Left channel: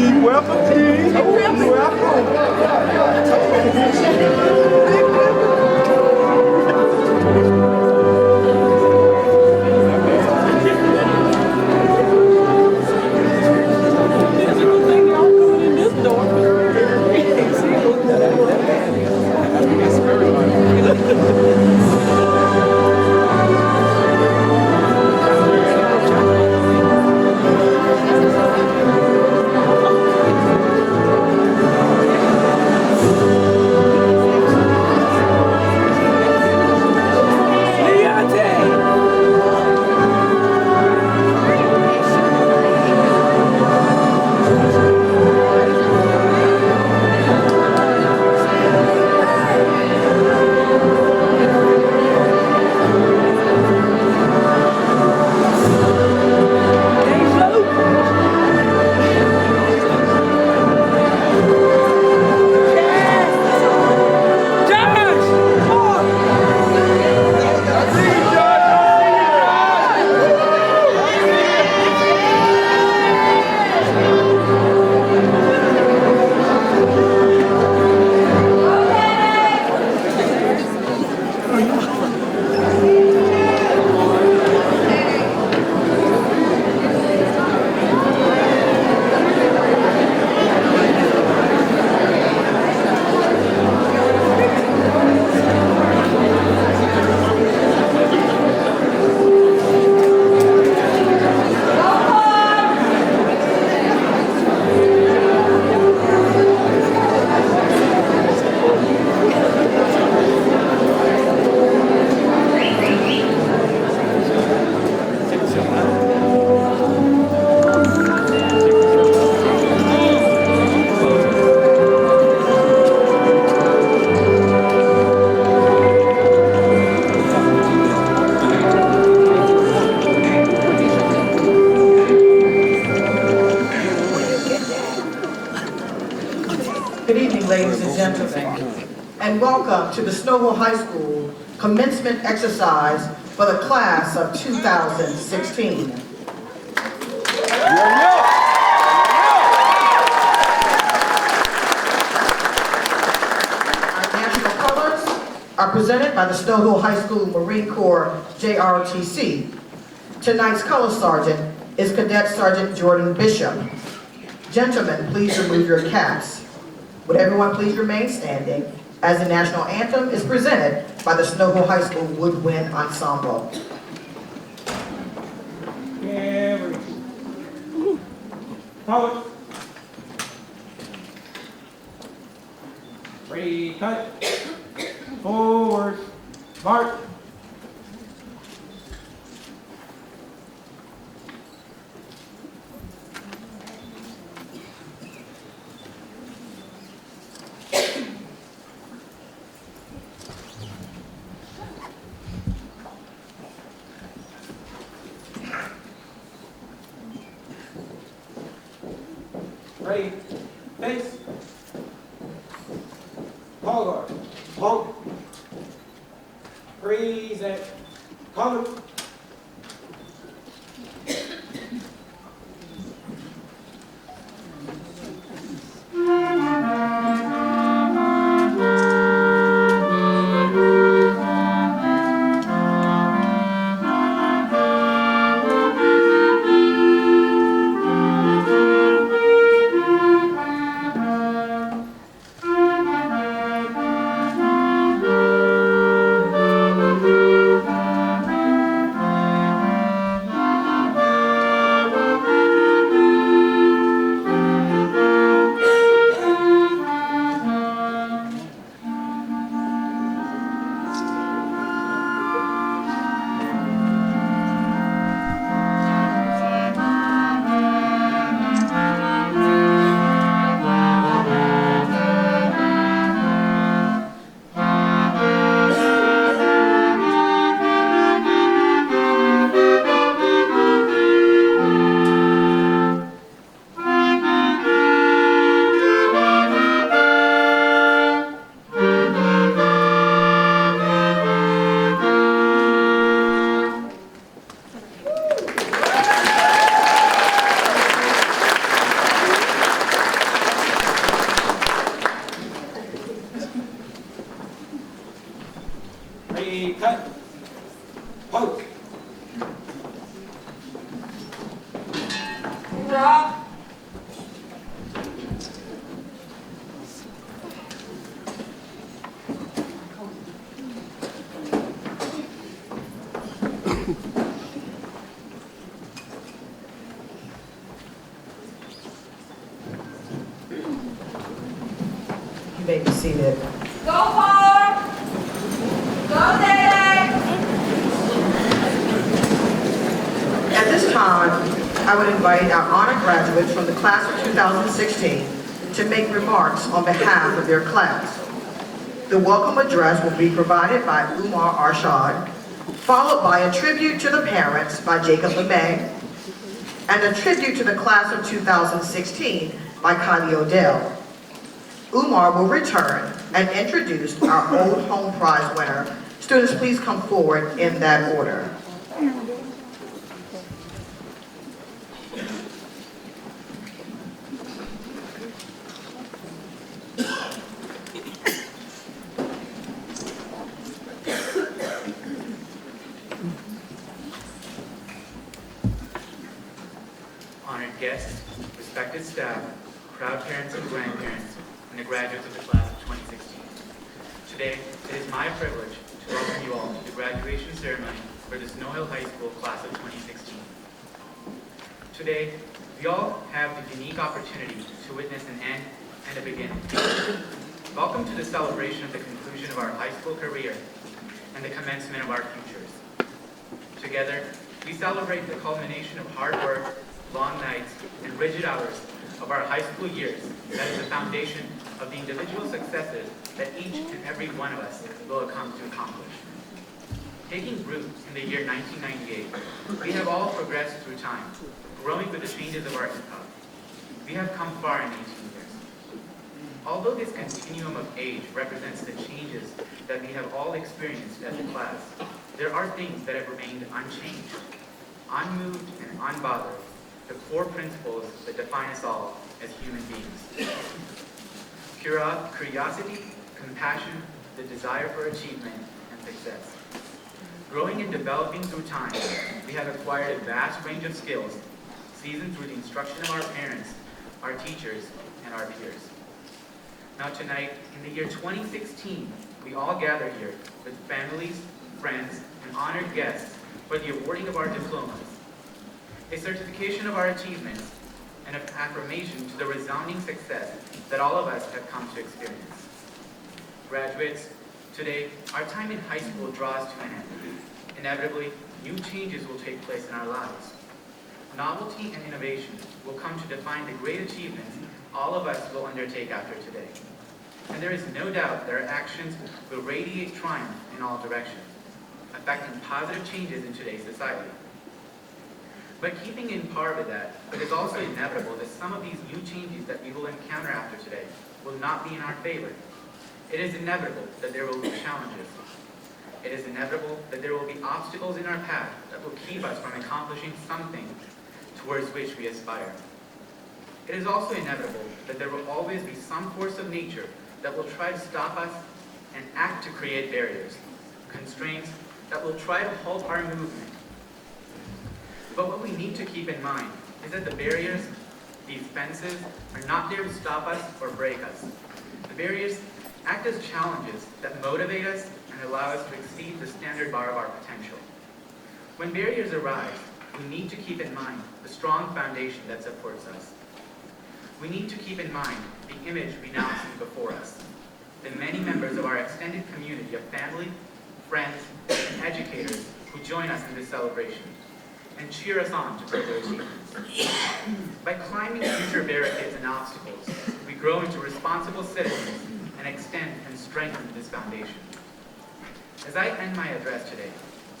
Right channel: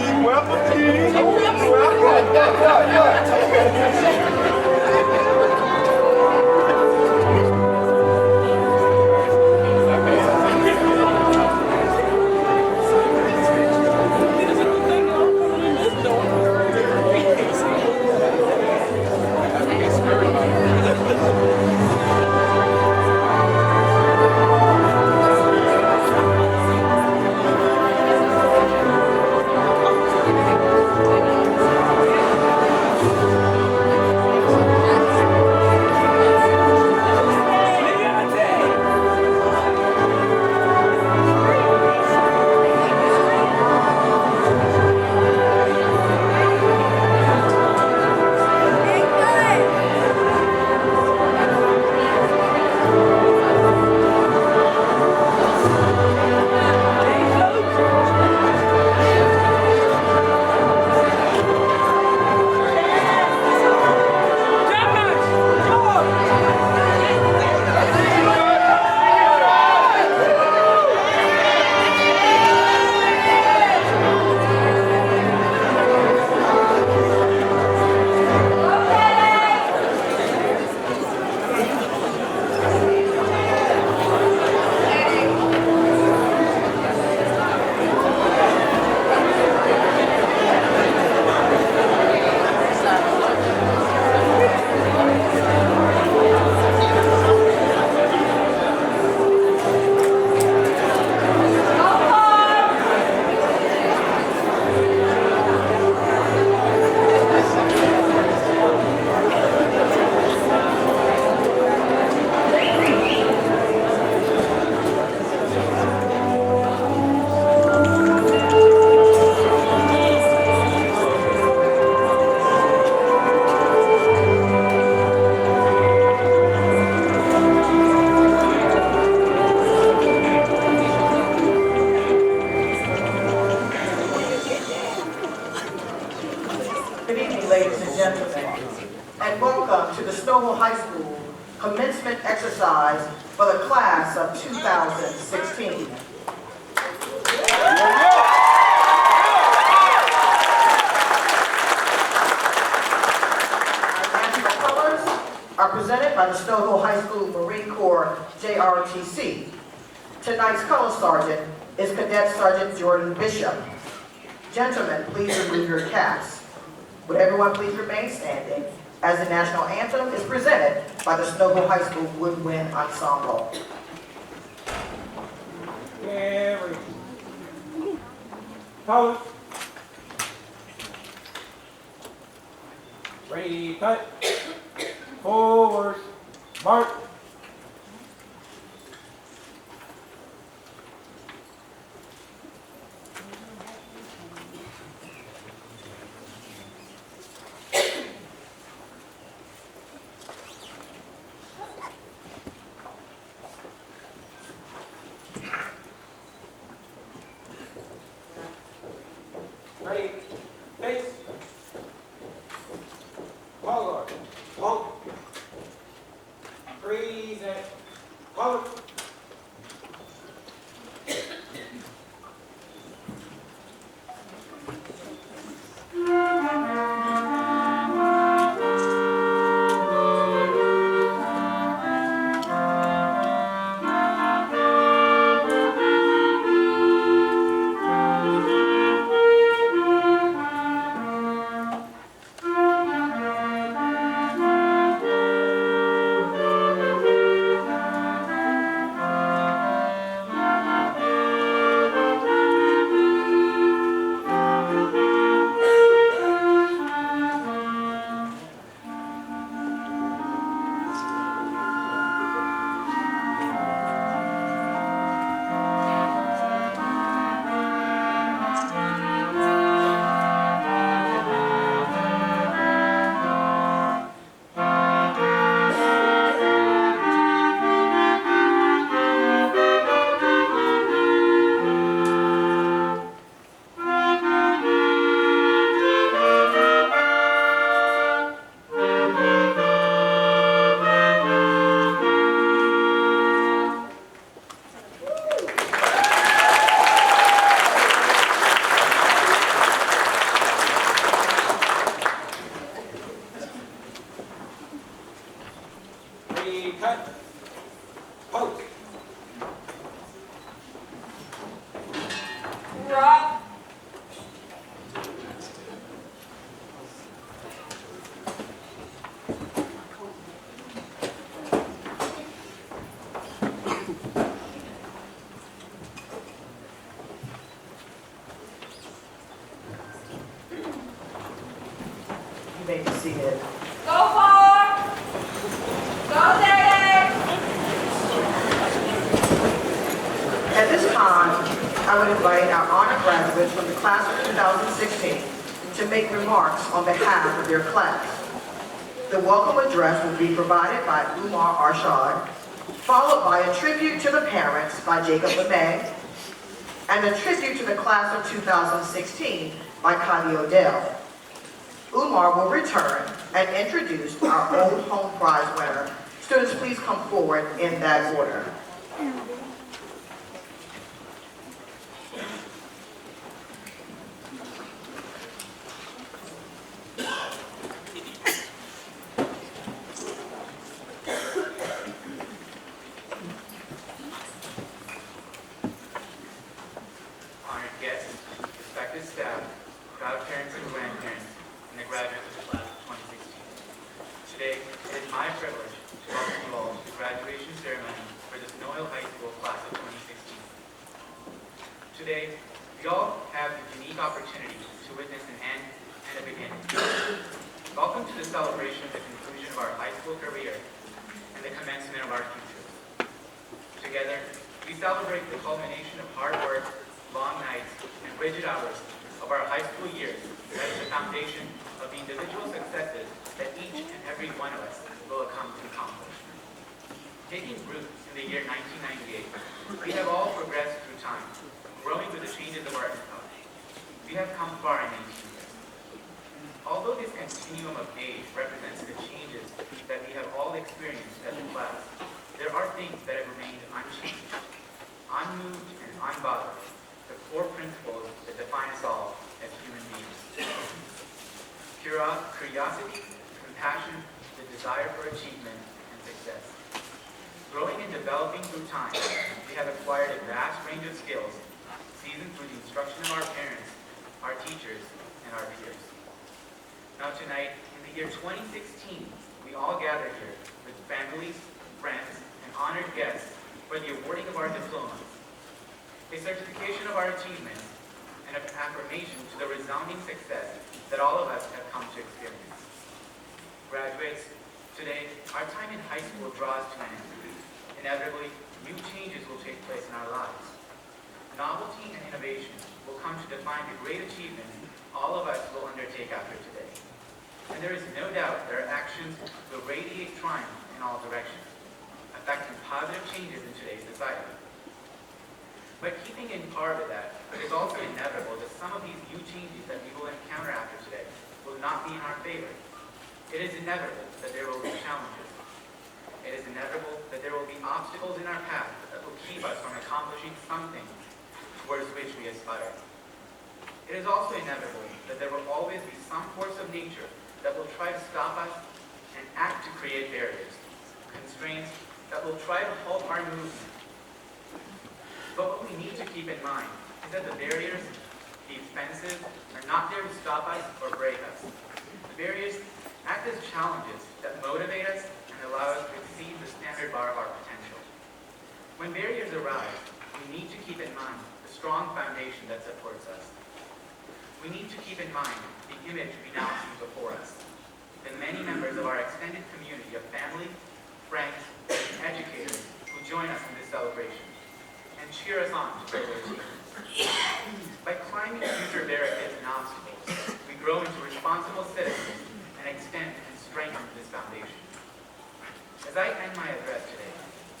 Welcome, King. Good evening, ladies and gentlemen, and welcome to the Snowville High School commencement exercise for the class of 2016. National colors are presented by the Snowville High School Marine Corps JROTC. Tonight's color sergeant is Cadet Sergeant Jordan Bishop. Gentlemen, please remove your caps. Would everyone please remain standing as the national anthem is presented by the Snowville High School Woodwind Ensemble. Hold. Ready, cut. Forward. March. Ready, face, forward, honk, freeze and honk. may be seated. Go hard! Go Zay! At this time, I would invite our honored graduates from the class of 2016 to make remarks on behalf of their class. The welcome address will be provided by Umar Arshad, followed by a tribute to the parents by Jacob LeMay, and a tribute to the class of 2016 by Kylie Odell. Umar will return and introduce our Old Home Prize winner. Students, please come forward in that order. Honored guests, respected staff, proud parents and grandparents, and the graduates of the class of 2016. Today, it is my privilege to welcome you all to the graduation ceremony for the Snow Hill High School class of 2016. Today, we all have the unique opportunity to witness an end and a beginning. Welcome to the celebration of the conclusion of our high school career and the commencement of our futures. Together, we celebrate the culmination of hard work, long nights, and rigid hours of our high school years that is the foundation of the individual successes that each and every one of us will come to accomplish. Taking root in the year 1998, we have all progressed through time, growing with the changes of our epoch. We have come far in these years. Although this continuum of age represents the changes that we have all experienced as a class, there are things that have remained unchanged, unmoved, and unbothered, the core principles that define us all as human beings. Curiosity, compassion, the desire for achievement and success. Growing and developing through time, we have acquired a vast range of skills, seasoned through the instruction of our parents, our teachers, and our peers. Now tonight, in the year 2016, we all gather here with families, friends, and honored guests for the awarding of our diplomas, a certification of our achievements, and an affirmation to the resounding success that all of us have come to experience. Graduates, today, our time in high school draws to an end. Inevitably, new changes will take place in our lives. Novelty and innovation will come to define the great achievements all of us will undertake after today. And there is no doubt that our actions will radiate triumph in all directions, affecting positive changes in today's society. But keeping in par with that, it is also inevitable that some of these new changes that we will encounter after today will not be in our favor. It is inevitable that there will be challenges. It is inevitable that there will be obstacles in our path that will keep us from accomplishing something towards which we aspire. It is also inevitable that there will always be some force of nature that will try to stop us and act to create barriers, constraints that will try to halt our movement. But what we need to keep in mind is that the barriers, these fences, are not there to stop us or break us. The barriers act as challenges that motivate us and allow us to exceed the standard bar of our potential. When barriers arise, we need to keep in mind the strong foundation that supports us. We need to keep in mind the image we now see before us, the many members of our extended community of family, friends, and educators who join us in this celebration and cheer us on to further achievements. By climbing future barricades and obstacles, we grow into responsible citizens and extend and strengthen this foundation. As I end my address today,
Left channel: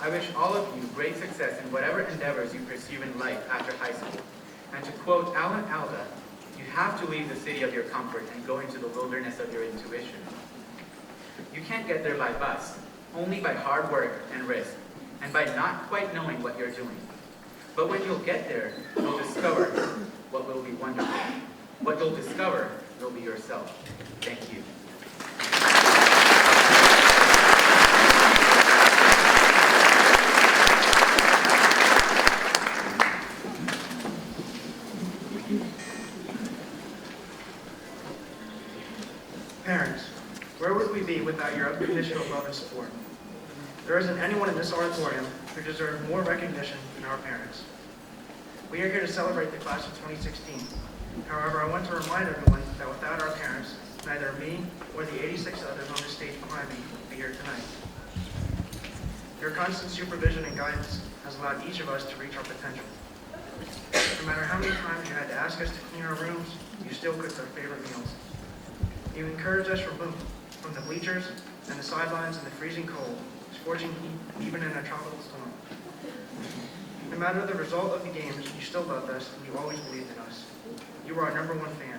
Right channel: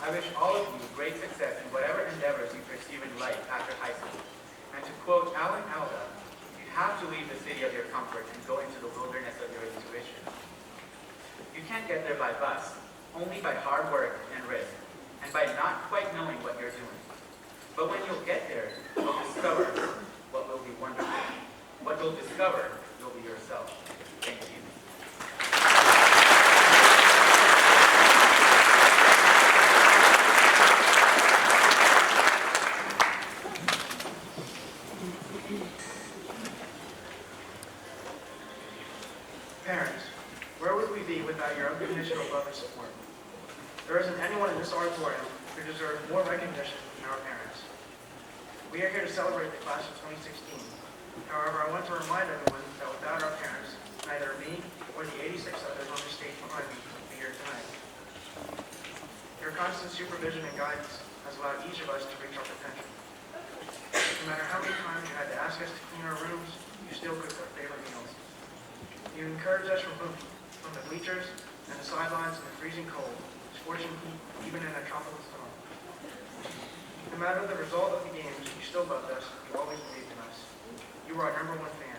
I wish all of you great success in whatever endeavors you pursue in life after high school. And to quote Alan Alda, you have to leave the city of your comfort and go into the wilderness of your intuition. You can't get there by bus, only by hard work and risk, and by not quite knowing what you're doing. But when you'll get there, you'll discover what will be wonderful. What you'll discover will be yourself. Thank you. Parents, where would we be without your unconditional love and support? There isn't anyone in this auditorium who deserves more recognition than our parents. We are here to celebrate the class of 2016. However, I want to remind everyone that without our parents, neither me or ask us to clean our rooms, you still cook our favorite meals. You encourage us from the bleachers and the sidelines in the freezing cold, scorching heat, even in a tropical storm. No matter the result of the games, you still loved us and you always believed in us. You were our #1 fan.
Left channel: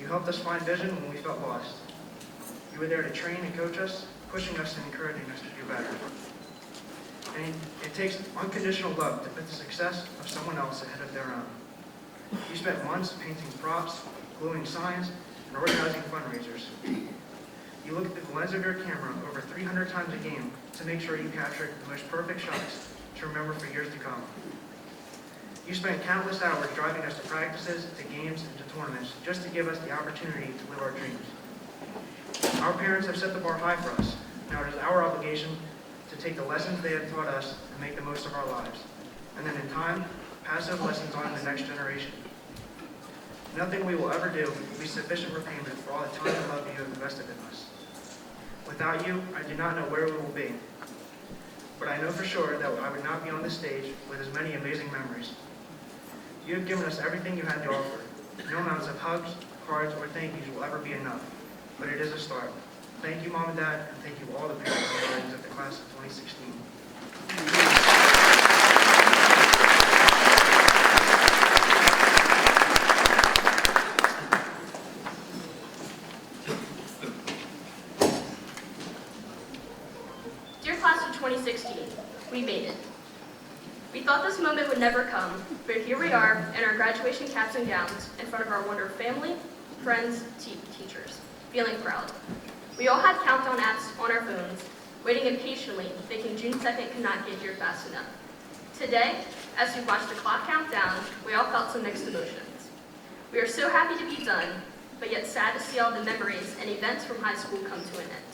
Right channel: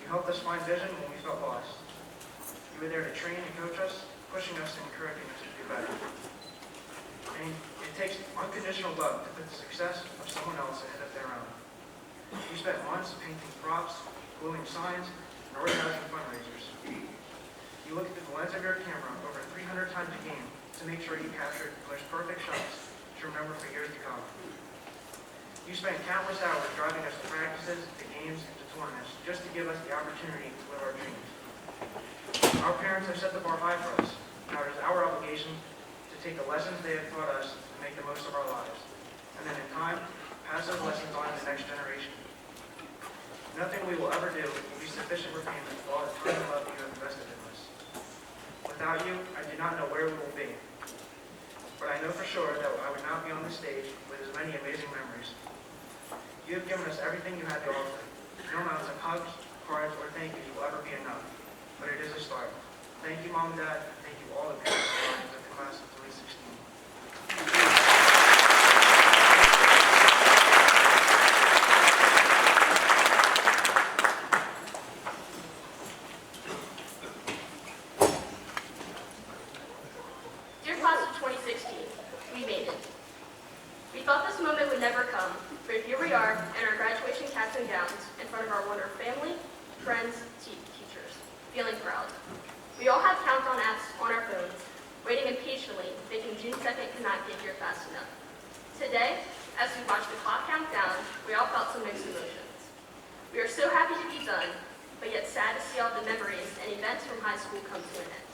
You helped us find vision when we felt lost. You were there to train and coach us, pushing us and encouraging us to do better. And it takes unconditional love to put the success of someone else ahead of their own. You spent months painting props, gluing signs, and organizing fundraisers. You look at the lens of your camera over 300 times a game to make sure you captured the most perfect shots to remember for years to come. You spent countless hours driving us to practices, to games, and to tournaments just to give us the opportunity to live our dreams. Our parents have set the bar high for us. Now it is our obligation to take the lessons they have taught us and make the most of our lives. And then in time, pass those lessons on to the next generation. Nothing we will ever do will be sufficient repayment for all the time and love you have invested in us. Without you, I do not know where we will be. But I know for sure that I would not be on this stage with as many amazing memories. You have given us everything you had to offer. No amounts of hugs, cards, or thank yous will ever be enough. But it is a start. Thank you, Mom and Dad, and thank you all the parents and guardians of the class of 2016. Dear class of 2016, we made it. We thought this moment would never come, but here we are in our graduation caps and gowns in front of our wonderful family, friends, teachers, feeling proud. We all had countdown apps on our phones, waiting impatiently, thinking June 2nd could not get here fast enough. Today, as we watched the clock count down, we all felt some mixed emotions. We are so happy to be done, but yet sad to see all the memories and events from high school come to an end.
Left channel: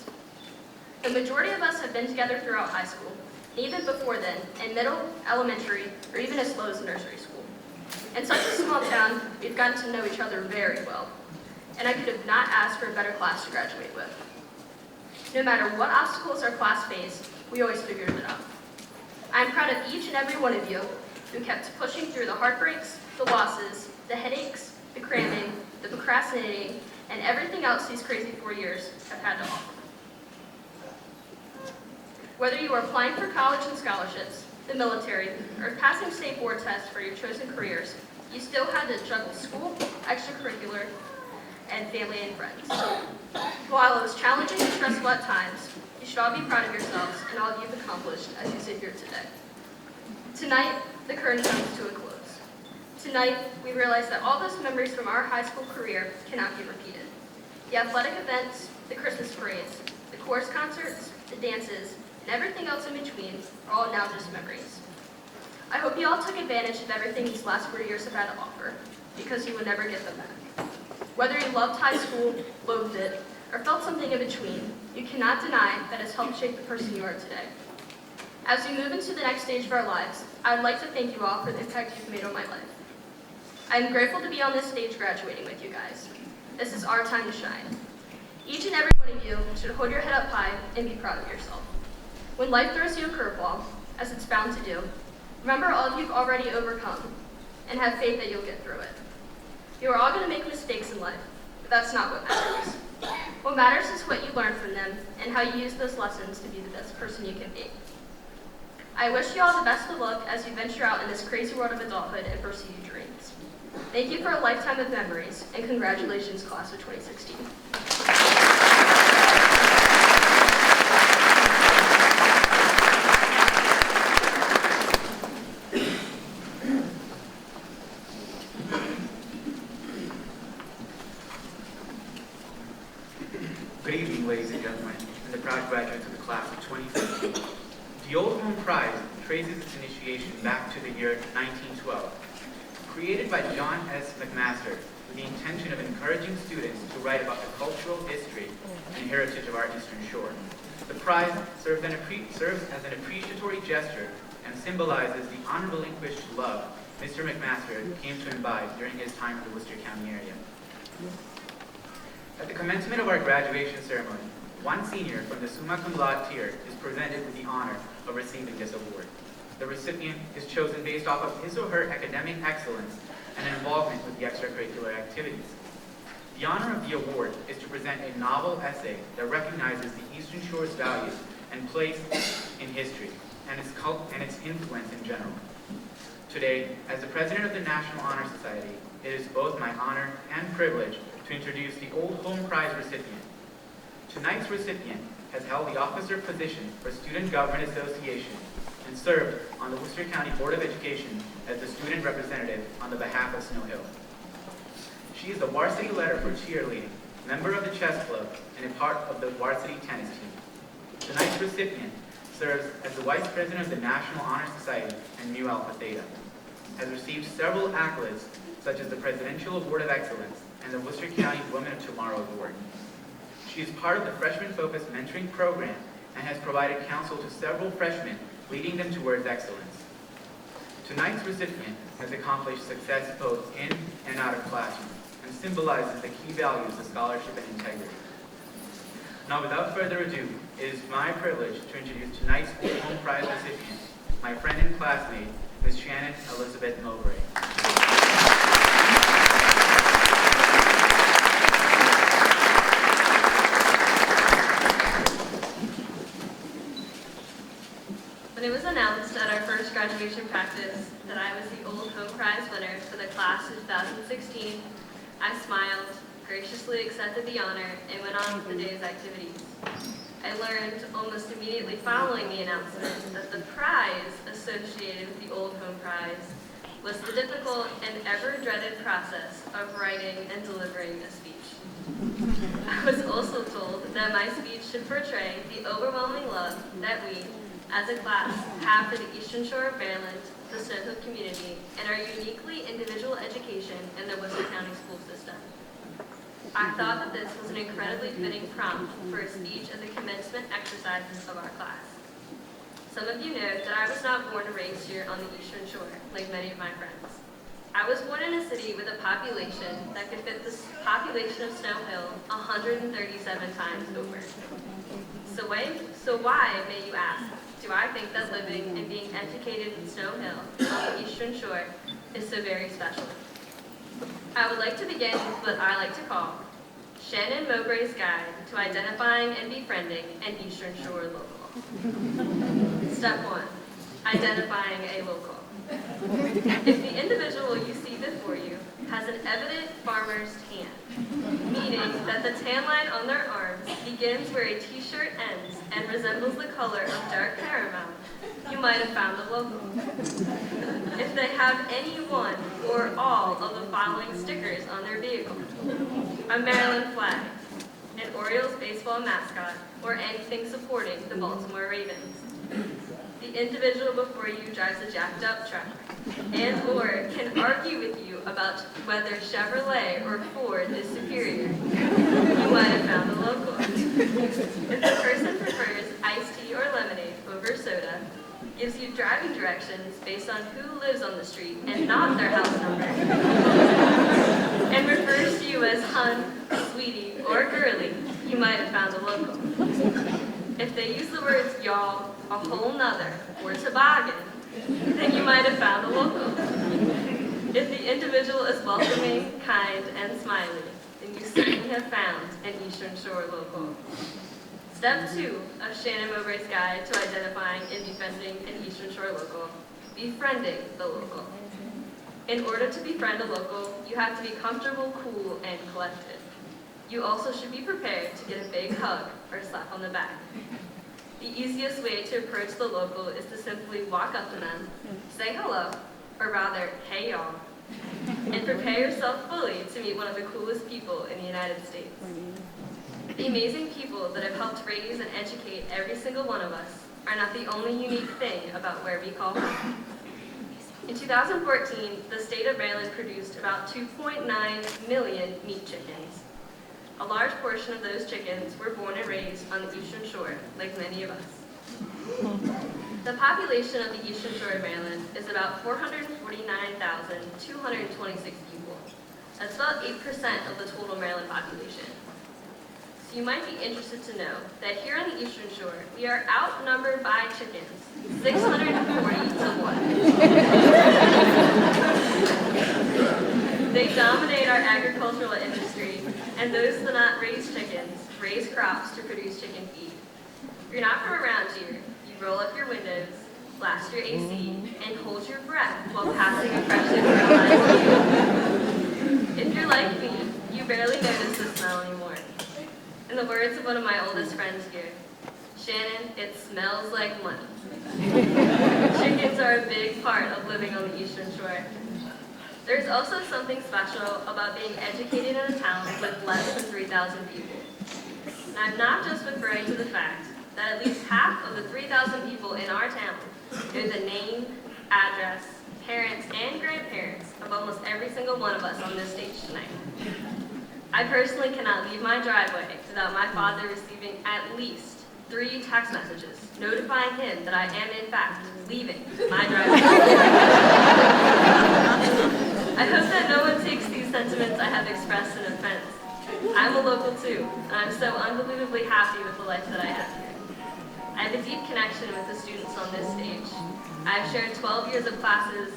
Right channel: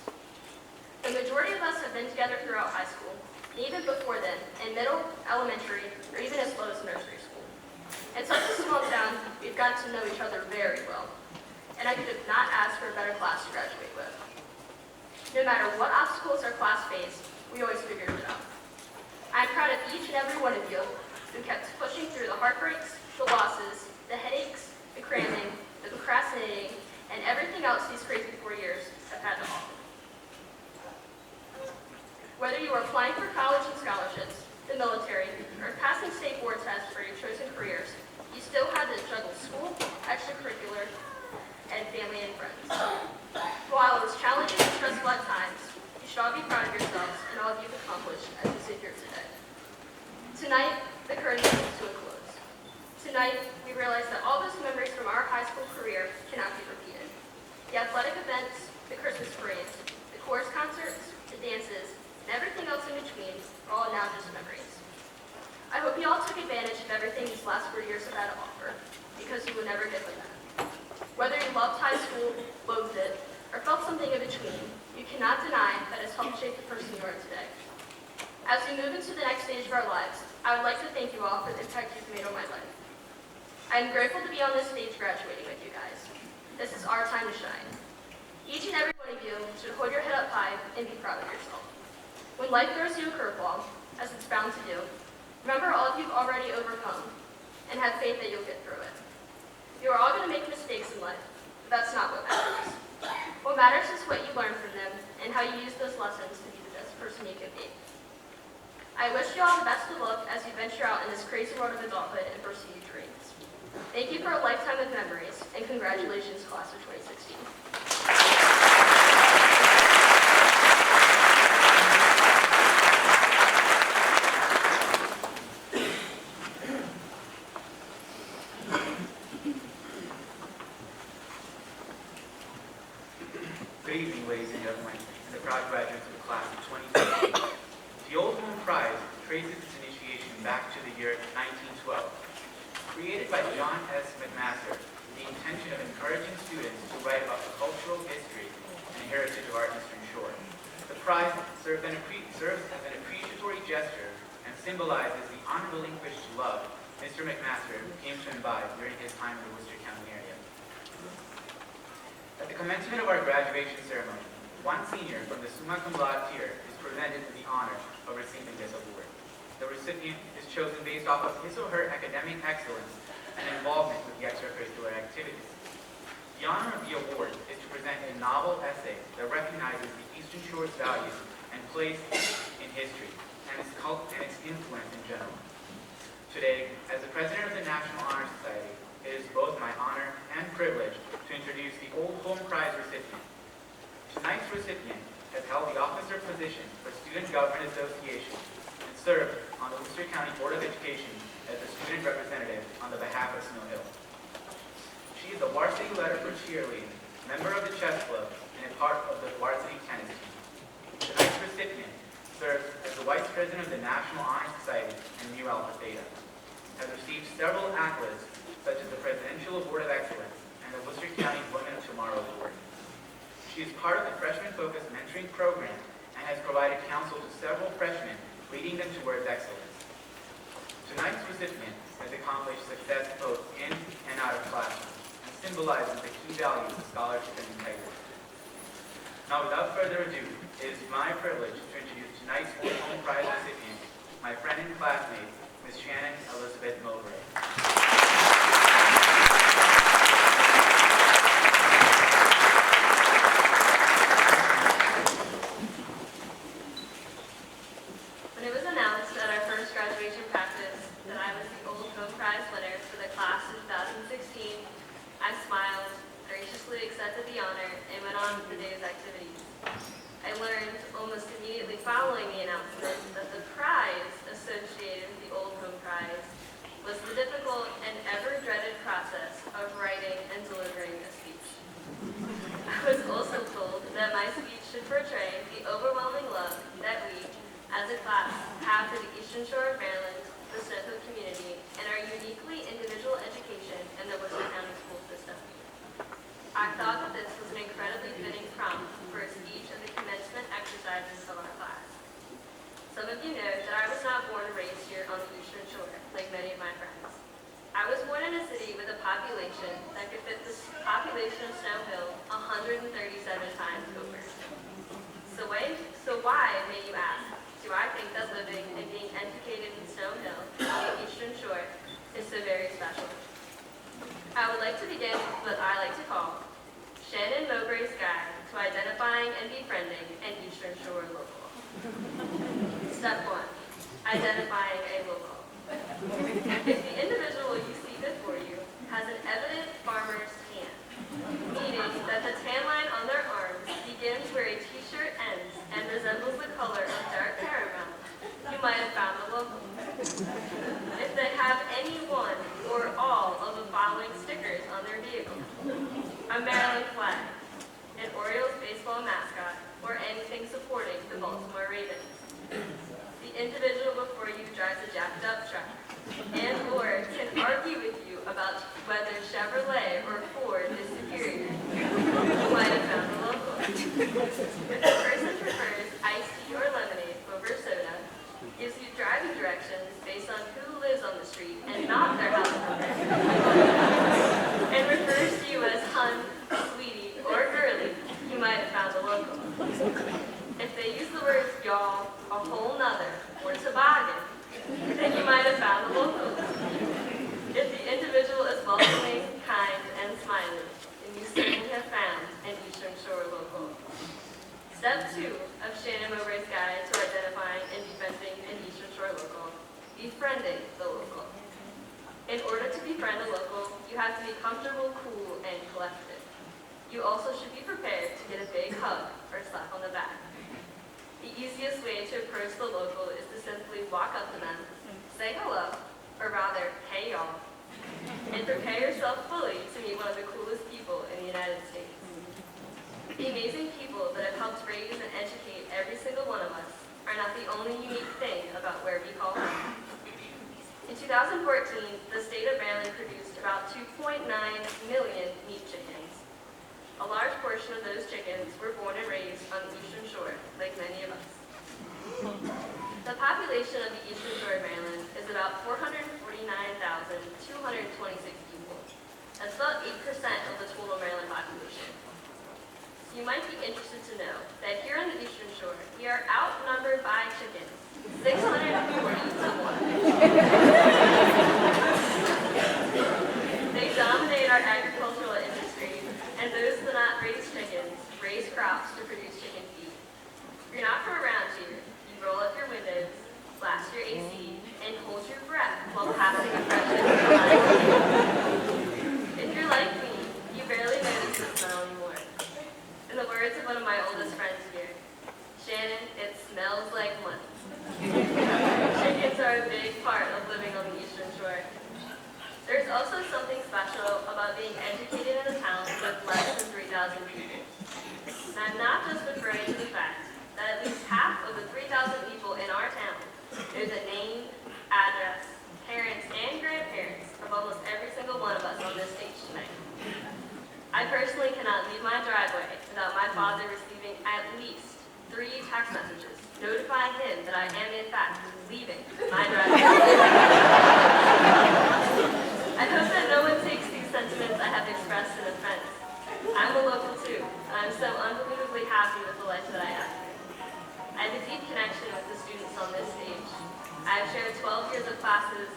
The majority of us have been together throughout high school, even before then, in middle, elementary, or even as low as nursery school. In such a small town, we've gotten to know each other very well, and I could have not asked for a better class to graduate with. No matter what obstacles our class faced, we always figured it out. I'm proud of each and every one of you who kept pushing through the heartbreaks, the losses, the headaches, the cramming, the procrastinating, and everything else these crazy 4 years have had to offer. Whether you are applying for college and scholarships, the military, or passing state board tests for your chosen careers, you still had to juggle school, extracurricular, and family and friends. While it was challenging and stressful at times, you should all be proud of yourselves and all you've accomplished as you sit here today. Tonight, the curtain comes to a close. Tonight, we realize that all those memories from our high school career cannot be repeated. The athletic events, the Christmas parades, the chorus concerts, the dances, and everything else in between are all now just memories. I hope you all took advantage of everything these last 4 years have had to offer, because you will never get them back. Whether you loved high school, loathed it, or felt something in between, you cannot deny that it's helped shape the person you are today. As we move into the next stage of our lives, I would like to thank you all for the impact you've made on my life. I am grateful to be on this stage graduating with you guys. This is our time to shine. Each and every one of you should hold your head up high and be proud of yourself. When life throws you a curveball, as it's bound to do, remember all you've already overcome and have faith that you'll get through it. You are all going to make mistakes in life, but that's not what matters. What matters is what you learn from them and how you use those lessons to be the best person you can be. I wish you all the best of luck as you venture out in this crazy world of adulthood and pursue your dreams. Thank you for a lifetime of memories, and congratulations, class of 2016. Good evening, ladies and gentlemen, and the proud graduates of the class of 2016. The Old Home Prize traces its initiation back to the year 1912. Created by John S. McMaster with the intention of encouraging students to write about the cultural history and heritage of our Eastern Shore. The prize serves as an appreciatory gesture and symbolizes the unrelinquished love Mr. McMaster came to imbibe during his time in the Worcester County area. At the commencement of our graduation ceremony, one senior from the summa cum laude tier is presented with the honor of receiving this award. The recipient is chosen based off of his or her academic excellence and involvement with the extracurricular activities. The honor of the award is to present a novel essay that recognizes the Eastern Shore's value and place in history and its influence in general. Today, as the president of the National Honor Society, it is both my honor and privilege to introduce the Old Home Prize recipient. Tonight's recipient has held the officer position for Student Government Association and served on the Worcester County Board of Education as the student representative on the behalf of Snow Hill. She is the varsity leader for cheerleading, member of the chess club, and a part of the varsity tennis team. Tonight's recipient serves as the vice president of the National Honor Society and Nu Alpha Theta, has received several accolades such as the Presidential Award of Excellence and the Worcester County Women of Tomorrow Award. She is part of the Freshman Focused Mentoring Program and has provided counsel to several freshmen, leading them towards excellence. Tonight's recipient has accomplished success both in and out of classroom and symbolizes the key values of scholarship and integrity. Now, without further ado, it is my privilege to introduce tonight's Old Home Prize recipient, my friend and classmate, Ms. Shannon Elizabeth Mowbray. When it was announced at our first graduation practice that I was the Old Home Prize winner for the class of 2016, I smiled, graciously accepted the honor, and went on with the day's activities. I learned almost immediately following the announcement that the prize associated with the Old Home Prize was the difficult and ever-dreaded process of writing and delivering a speech. I was also told that my speech should portray the overwhelming love that we, as a class, have for the Eastern Shore of Maryland, the Snow Hill community, and our uniquely individual education in the Worcester County school system. I thought that this was an incredibly fitting prompt for a speech at the commencement exercises of our class. Some of you know that I was not born and raised here on the Eastern Shore, like many of my friends. I was born in a city with a population that could fit the population of Snow Hill 137 times over. So why, may you ask, do I think that living and being educated in Snow Hill, on the Eastern Shore, is so very special? I would like to begin with what I like to call Shannon Mowbray's Guide to Identifying and Befriending an Eastern Shore Local. Step 1. Identifying a local. If the individual you see before you has an evident farmer's tan, meaning that the tan line on their arms begins where a t-shirt ends and resembles the color of dark caramel, you might have found a local. If they have any one or all of the following stickers on their vehicle: a Maryland flag, an Orioles baseball mascot, or anything supporting the Baltimore Ravens. The individual before you drives a jacked up truck and or can argue with you about whether Chevrolet or Ford is superior. You might have found a local. If the person prefers iced tea or lemonade over soda, gives you driving directions based on who lives on the street and not their house number, and refers to you as hun, sweetie, or girly, you might have found a local. If they use the words y'all, a whole nother, or toboggan, then you might have found a local. If the individual is welcoming, kind, and smiling, then you certainly have found an Eastern Shore local. Step 2 of Shannon Mowbray's Guide to Identifying and Befriending an Eastern Shore Local: befriending the local. In order to befriend a local, you have to be comfortable, cool, and collected. You also should be prepared to get a big hug or slap on the back. The easiest way to approach the local is to simply walk up to them, say hello, or rather, hey y'all, and prepare yourself fully to meet one of the coolest people in the United States. The amazing people that have helped raise and educate every single one of us are not the only unique thing about where we call home. In 2014, the state of Maryland produced about 2.9 million meat chickens. A large portion of those chickens were born and raised on the Eastern Shore, like many of us. The population of the Eastern Shore of Maryland is about 449,226 people. That's about 8% of the total Maryland population. So you might be interested to know that here on the Eastern Shore, we are outnumbered by chickens, 640 to 1. They dominate our agricultural industry, and those that not raise chickens raise crops to produce chicken feed. If you're not from around here, you roll up your windows, blast your AC, and hold your breath while passing impressions of the last year. If you're like me, you barely notice the smell anymore. In the words of one of my oldest friends here, Shannon, it smells like money. Chickens are a big part of living on the Eastern Shore. There's also something special about being educated in a town with less than 3,000 people. And I'm not just referring to the fact that at least half of the 3,000 people in our town know the name, address, parents, and grandparents of almost every single one of us on this stage tonight. I personally cannot leave my driveway without my father receiving at least 3 text messages notifying him that I am in fact leaving my driveway. I hope that no one takes these sentiments I have expressed in offense. I'm a local too, and I'm so unbelievably happy with the life that I have here. I have a deep connection with the students on this stage. I've shared 12 years of classes,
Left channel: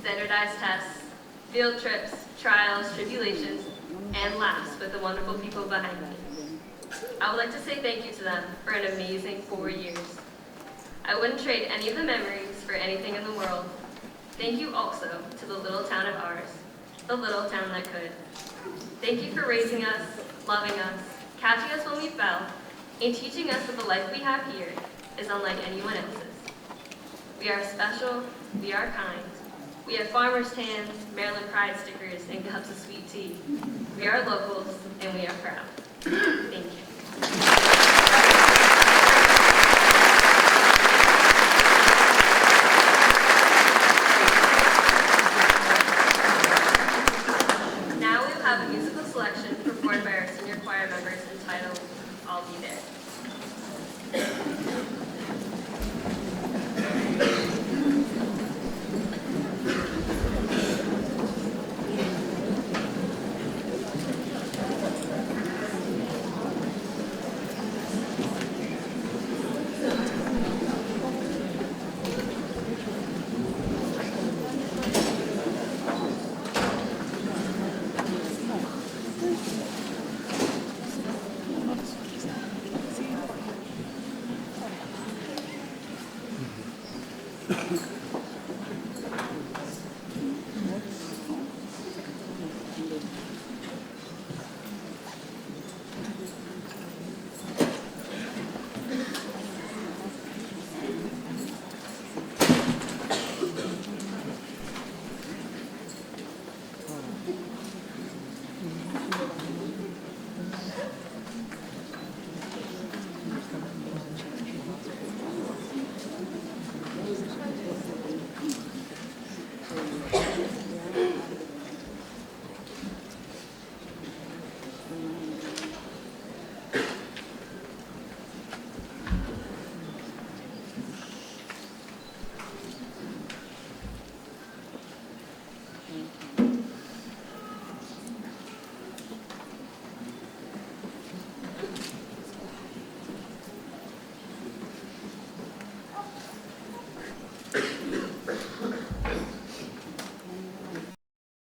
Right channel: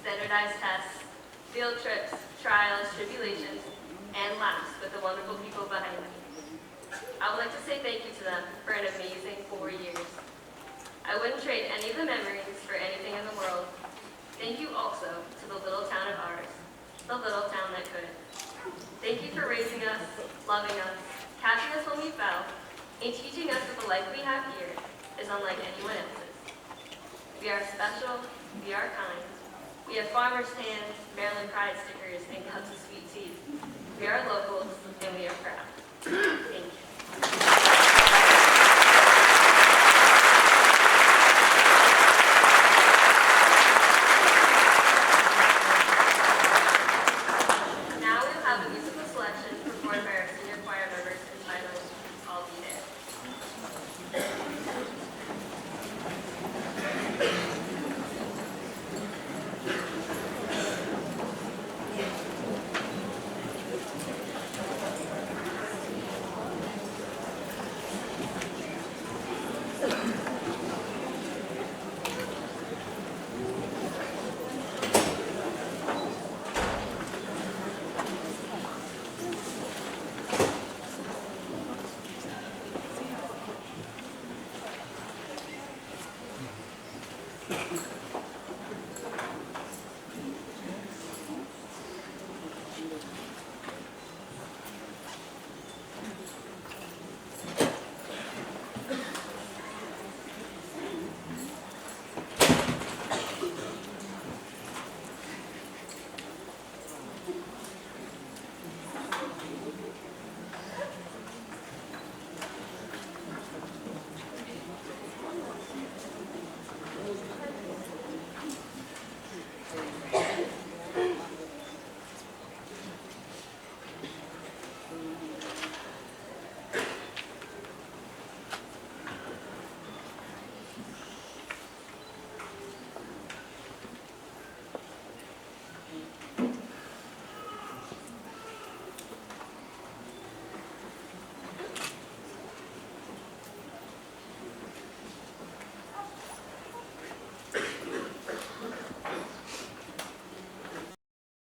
standardized tests, field trips, trials, tribulations, and laughs with the wonderful people behind me. I would like to say thank you to them for an amazing 4 years. I wouldn't trade any of the memories for anything in the world. Thank you also to the little town of ours, the little town that could. Thank you for raising us, loving us, catching us when we fell, and teaching us that the life we have here is unlike anyone else's. We are special, we are kind. We have farmers' tans, Maryland Pride stickers, and cups of sweet tea. We are locals, and we are proud.